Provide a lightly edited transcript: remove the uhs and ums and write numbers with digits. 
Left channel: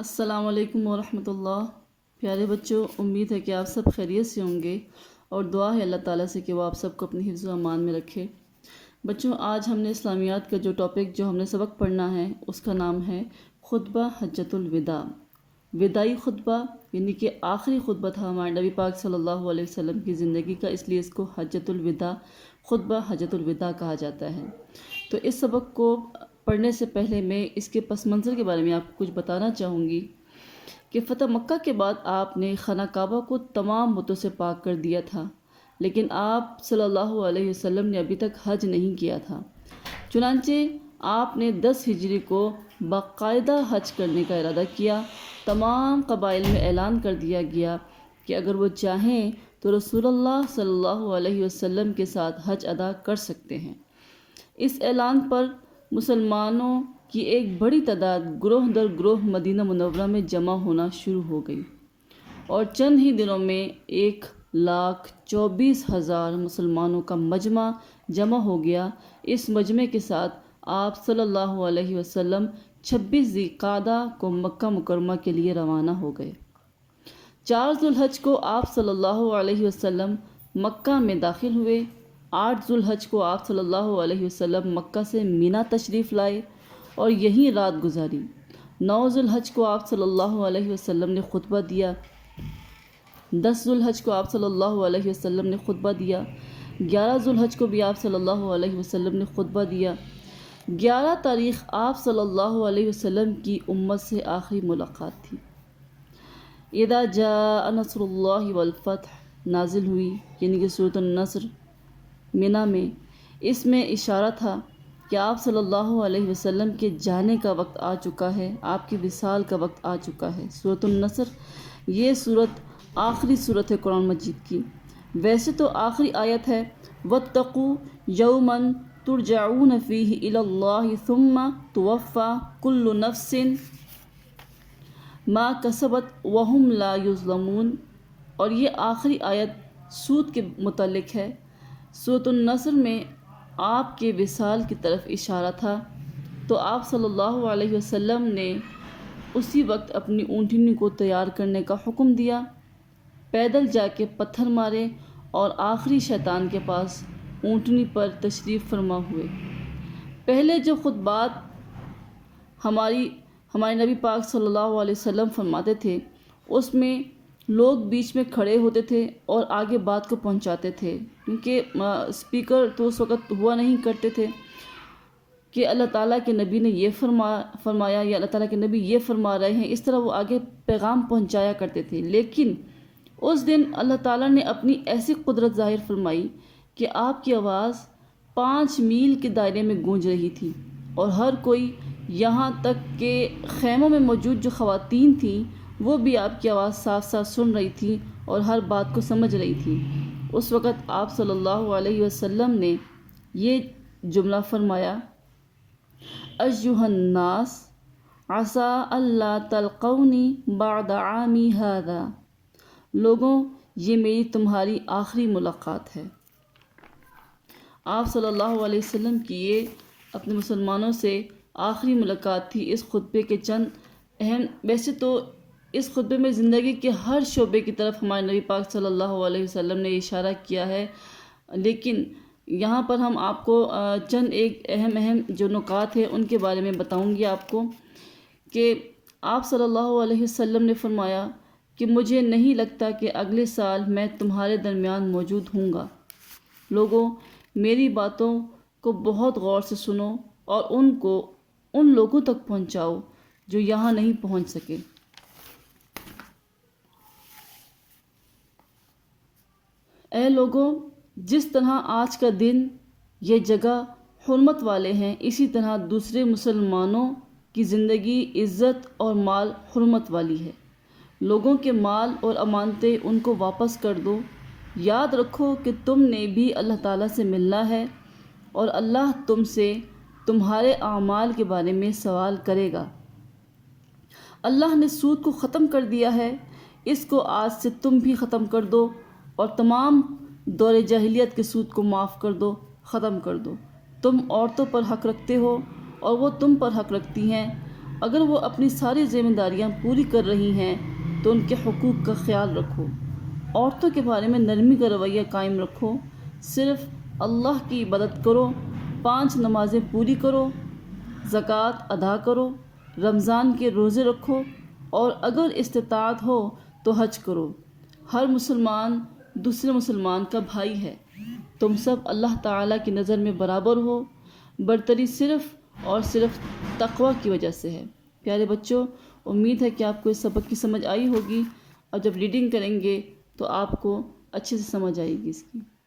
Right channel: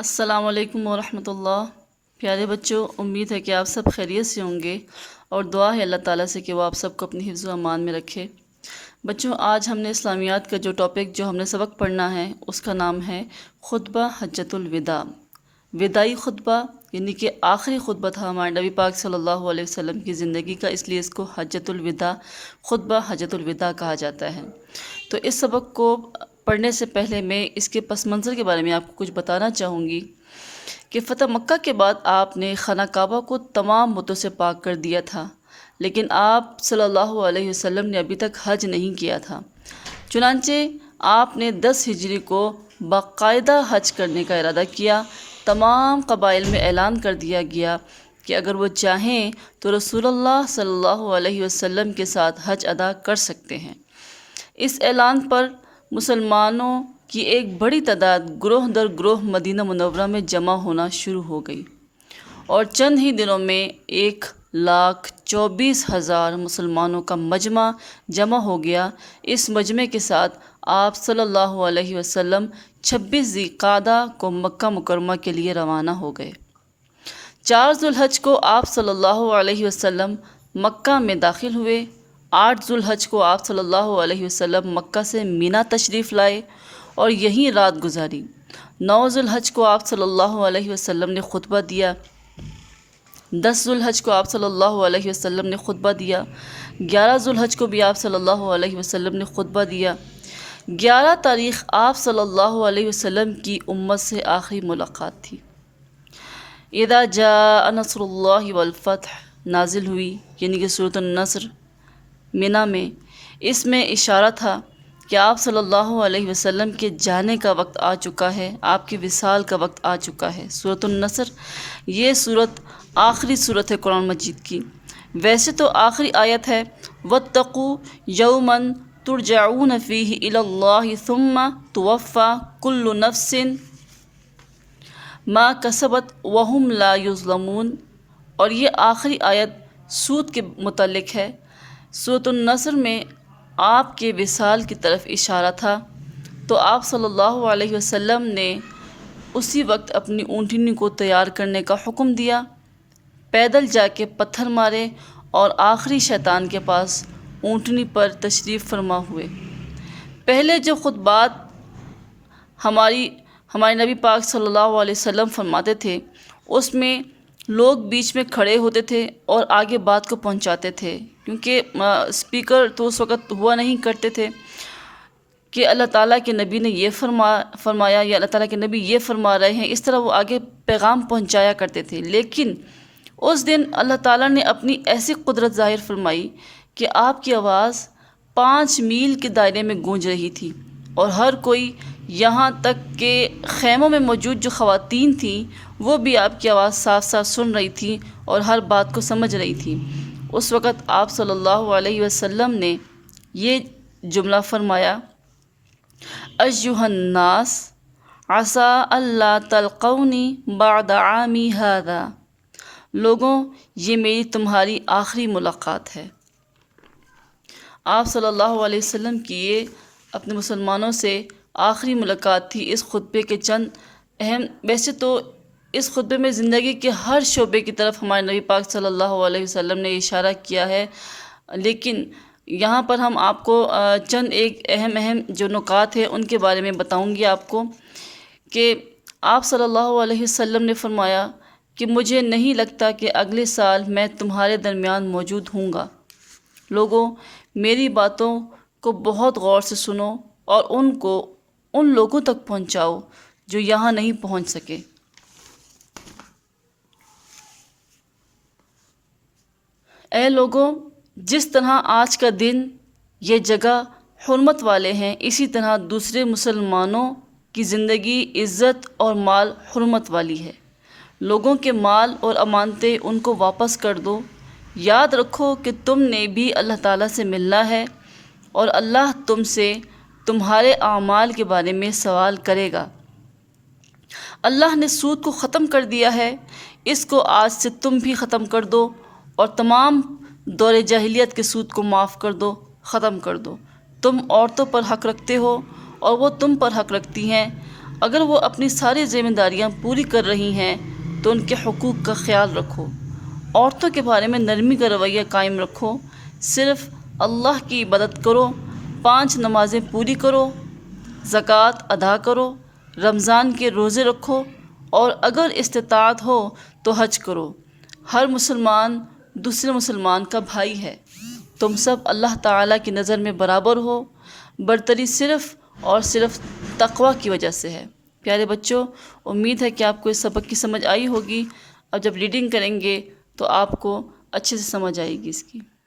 السلام علیکم ورحمۃ اللہ۔ پیارے بچوں، امید ہے کہ آپ سب خیریت سے ہوں گے اور دعا ہے اللہ تعالیٰ سے کہ وہ آپ سب کو اپنی حفظ و امان میں رکھے۔ بچوں، آج ہم نے اسلامیات کا جو ہم نے سبق پڑھنا ہے اس کا نام ہے خطبہ حجۃ الوداع۔ وداعی خطبہ یعنی کہ آخری خطبہ تھا ہمارے نبی پاک صلی اللہ علیہ وسلم کی زندگی کا، اس لیے اس کو حجۃ الوداع، خطبہ حجۃ الوداع کہا جاتا ہے۔ تو اس سبق کو پڑھنے سے پہلے میں اس کے پس منظر کے بارے میں آپ کو کچھ بتانا چاہوں گی کہ فتح مکہ کے بعد آپ نے خانہ کعبہ کو تمام بتوں سے پاک کر دیا تھا، لیکن آپ صلی اللہ علیہ وسلم نے ابھی تک حج نہیں کیا تھا۔ چنانچہ آپ نے 10 ہجری کو باقاعدہ حج کرنے کا ارادہ کیا۔ تمام قبائل میں اعلان کر دیا گیا کہ اگر وہ چاہیں تو رسول اللہ صلی اللہ علیہ وسلم کے ساتھ حج ادا کر سکتے ہیں۔ اس اعلان پر مسلمانوں کی ایک بڑی تعداد گروہ در گروہ مدینہ منورہ میں جمع ہونا شروع ہو گئی اور چند ہی دنوں میں 1,24,000 مسلمانوں کا مجمع جمع ہو گیا۔ اس مجمع کے ساتھ آپ صلی اللہ علیہ وسلم 26 ذی القعدہ کو مکہ مکرمہ کے لیے روانہ ہو گئے۔ 4 ذو الحج کو آپ صلی اللہ علیہ وسلم مکہ میں داخل ہوئے۔ 8 ذو الحج کو آپ صلی اللہ علیہ وسلم مکہ سے مینا تشریف لائے اور یہیں رات گزاری۔ 9 ذو الحج کو آپ صلی اللہ علیہ وسلم نے خطبہ دیا۔ 10 ذو الحج کو آپ صلی اللہ علیہ وسلم نے خطبہ دیا۔ 11 ذو الحج کو بھی آپ صلی اللہ علیہ وسلم نے خطبہ دیا۔ 11 تاریخ آپ صلی اللہ علیہ وسلم کی امت سے آخری ملاقات تھی۔ اذا جاء نصر اللہ والفتح نازل ہوئی، یعنی کہ سورۃ النصر مینا میں۔ اس میں اشارہ تھا کہ آپ صلی اللہ علیہ وسلم کے جانے کا وقت آ چکا ہے، آپ کی وصال کا وقت آ چکا ہے۔ سورۃ النصر یہ سورت آخری سورت ہے قرآن مجید کی۔ ویسے تو آخری آیت ہے واتقوا یوما ترجعون فیہ الی اللہ ثم توفی کل نفس ما کسبت وہم لا یظلمون، اور یہ آخری آیت سود کے متعلق ہے۔ سورۃ النصر میں آپ کے وصال کی طرف اشارہ تھا، تو آپ صلی اللہ علیہ وسلم نے اسی وقت اپنی اونٹنی کو تیار کرنے کا حکم دیا، پیدل جا کے پتھر مارے اور آخری شیطان کے پاس اونٹنی پر تشریف فرما ہوئے۔ پہلے جو خطبات ہمارے نبی پاک صلی اللہ علیہ وسلم فرماتے تھے، اس میں لوگ بیچ میں کھڑے ہوتے تھے اور آگے بات کو پہنچاتے تھے، کیونکہ اسپیکر تو اس وقت ہوا نہیں کرتے تھے کہ اللہ تعالیٰ کے نبی نے یہ فرمایا یا اللہ تعالیٰ کے نبی یہ فرما رہے ہیں، اس طرح وہ آگے پیغام پہنچایا کرتے تھے۔ لیکن اس دن اللہ تعالیٰ نے اپنی ایسی قدرت ظاہر فرمائی کہ آپ کی آواز 5 میل کے دائرے میں گونج رہی تھی، اور ہر کوئی، یہاں تک کہ خیموں میں موجود جو خواتین تھیں وہ بھی آپ کی آواز صاف صاف سن رہی تھیں اور ہر بات کو سمجھ رہی تھیں۔ اس وقت آپ صلی اللہ علیہ وسلم نے یہ جملہ فرمایا ایھا الناس عسیٰ اللہ تلقونی بعد عامی ھذا، لوگوں یہ میری تمہاری آخری ملاقات ہے۔ آپ صلی اللہ علیہ وسلم کی یہ اپنے مسلمانوں سے آخری ملاقات تھی۔ اس خطبے کے چند اہم، ویسے تو اس خطبے میں زندگی کے ہر شعبے کی طرف ہمارے نبی پاک صلی اللہ علیہ وسلم نے اشارہ کیا ہے، لیکن یہاں پر ہم آپ کو چند ایک اہم جو نکات ہیں ان کے بارے میں بتاؤں گی آپ کو، کہ آپ صلی اللہ علیہ وسلم نے فرمایا کہ مجھے نہیں لگتا کہ اگلے سال میں تمہارے درمیان موجود ہوں گا۔ لوگوں میری باتوں کو بہت غور سے سنو اور ان کو ان لوگوں تک پہنچاؤ جو یہاں نہیں پہنچ سکے۔ اے لوگوں، جس طرح آج کا دن یہ جگہ حرمت والے ہیں، اسی طرح دوسرے مسلمانوں کی زندگی، عزت اور مال حرمت والی ہے۔ لوگوں کے مال اور امانتیں ان کو واپس کر دو۔ یاد رکھو کہ تم نے بھی اللہ تعالیٰ سے ملنا ہے اور اللہ تم سے تمہارے اعمال کے بارے میں سوال کرے گا۔ اللہ نے سود کو ختم کر دیا ہے، اس کو آج سے تم بھی ختم کر دو، اور تمام دور جاہلیت کے سود کو معاف کر دو، ختم کر دو۔ تم عورتوں پر حق رکھتے ہو اور وہ تم پر حق رکھتی ہیں۔ اگر وہ اپنی ساری ذمہ داریاں پوری کر رہی ہیں تو ان کے حقوق کا خیال رکھو۔ عورتوں کے بارے میں نرمی کا رویہ قائم رکھو۔ صرف اللہ کی عبادت کرو، 5 نمازیں پوری کرو، زکوٰۃ ادا کرو، رمضان کے روزے رکھو، اور اگر استطاعت ہو تو حج کرو۔ ہر مسلمان دوسرے مسلمان کا بھائی ہے۔ تم سب اللہ تعالیٰ کی نظر میں برابر ہو۔ برتری صرف اور صرف تقوی کی وجہ سے ہے۔ پیارے بچوں، امید ہے کہ آپ کو اس سبق کی سمجھ آئی ہوگی۔ اب جب ریڈنگ کریں گے تو آپ کو اچھے سے سمجھ آئے گی اس کی۔